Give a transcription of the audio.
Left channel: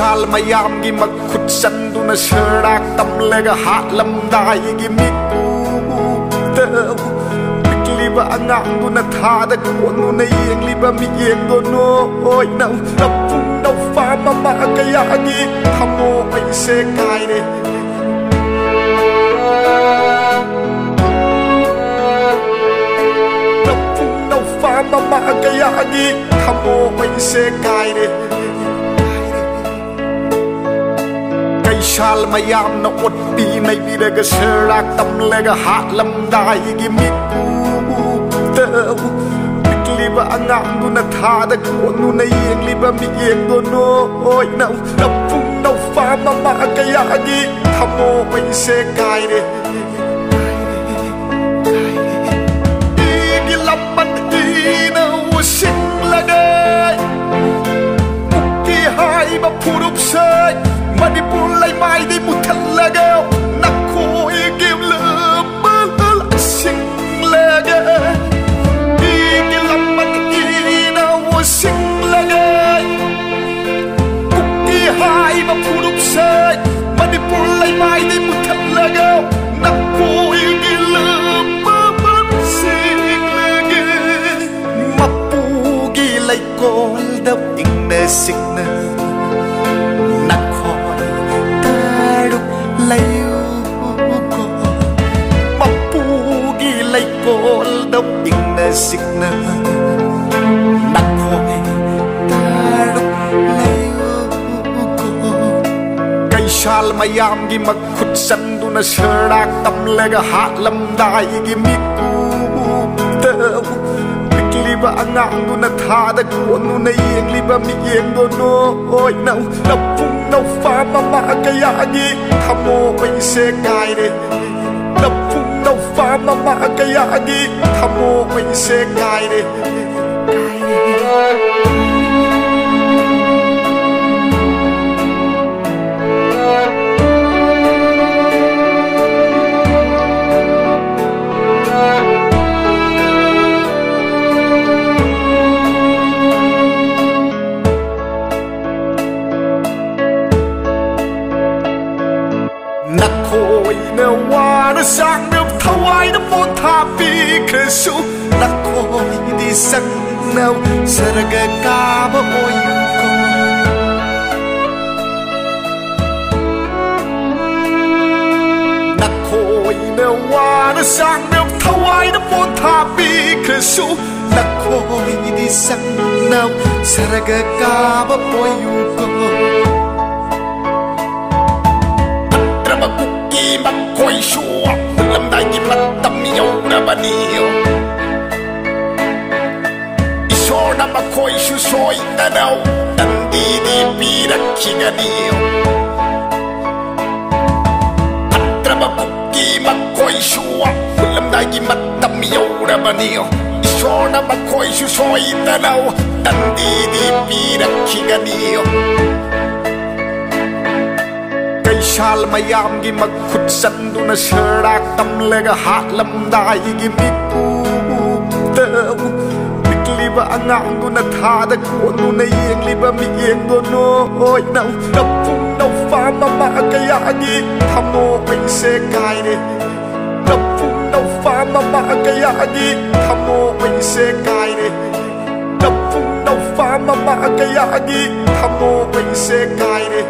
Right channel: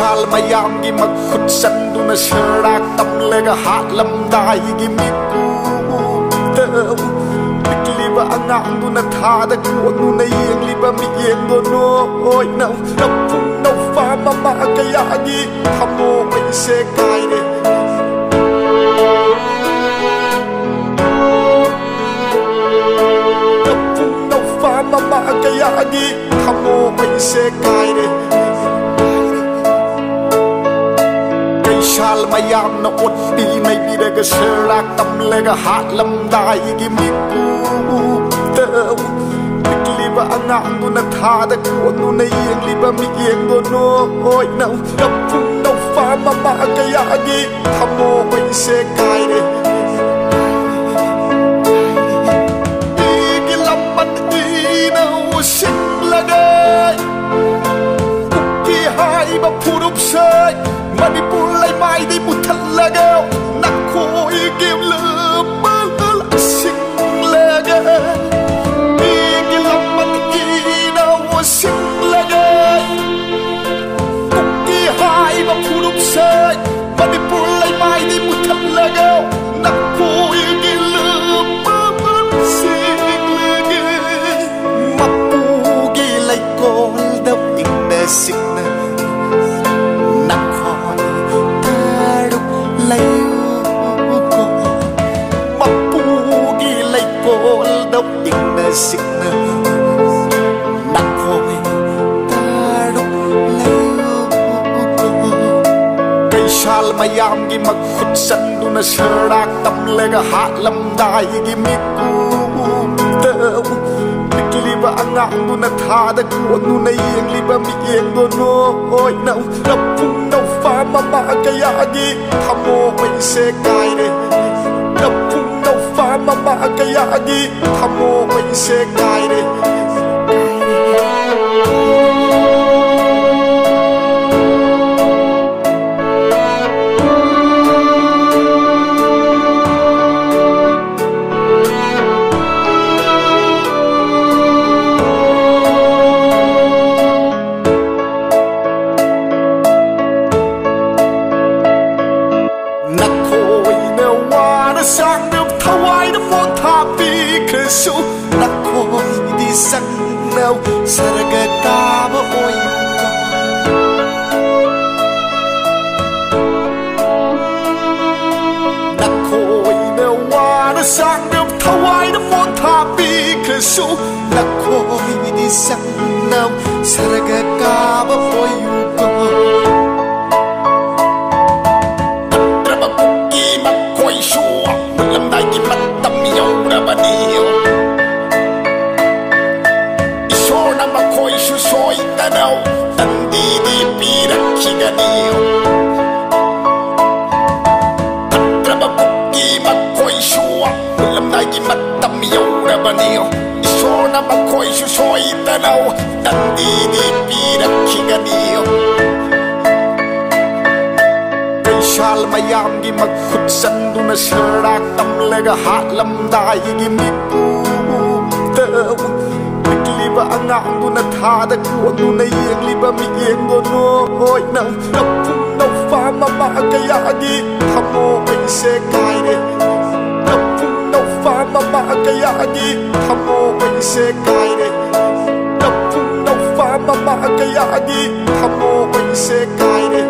shal mayam gi makhut sanduna sharak tamlega hatlamdai gi miku tau pikliba anganguna thada kuanuna yengliba mi yengdo no oi nau napung nau fa mama kaya gi thamo mai se kai re napung nau fa mama kaya gi thamo mai se kai re shal mayam na ot pi nay biraga sharak tamlega hatlamdai gi miku tau pikliba anganguna thada kuanuna yengliba mi yengdo no oi nau napung nau fa mama kaya gi thamo mai se kai re igi lamban i nau sing lagai ukki hai ba phurup sai Manipur lai mai đi một thật là gạo nặc khôi kiếm lơ bơ lơ sinh là gạo đi cái lòng mắt đi nào sinh là gạo cũng đi hai mà phụ đúc sai Manipur lai mai đi một thật là gạo nặc khôi kiếm lơ bơ sinh là gạo mà pu ghi lai call đâu những nơi xích nơi nặc khói ta đúc lấy cô mà pu ghi lấy cô đốc những nơi xích nơ nặc khói ta đúc lấy cô cây shal mayam gi makhut sanduna sharak tamlega hatlamdai gi miku tau pikliba anganguna thada kuanuna yengliba mi yengdo no oi nau napung nau fa mama kaya gi thamo mai se kai re napung nau fa mama kaya gi thamo mai se kai re nặc khôi nè hoa nó sang được thâu ai nó phôn tha pi khơi su nặc khôi đi sang nào saraga ka ba oi ko nặc khôi nè hoa nó sang được thâu ai nó phôn tha pi khơi su nặc khôi đi sang nào saraga ka ba oi ko Kuki makoi shua Mulam dagi matam yaura banio Isor na makoi shu soy tanaw Tandi di pirak kiganio Patraba kuki makoi shua Mulam dagi matam yaura banio Isor na makoi shu soy tanaw Tandi di pirak kiganio shal mayam gi makhut sanduna sharak tamlega hatlamdai gi miku tau pikliba anganguna thada kuanuna yengliba mi yengdo no oi nau napung nau fa mama kaya gi thamo mai se kai re napung nau fa mama kaya gi thamo mai se kai re napung nau fa mama kaya gi thamo mai se kai re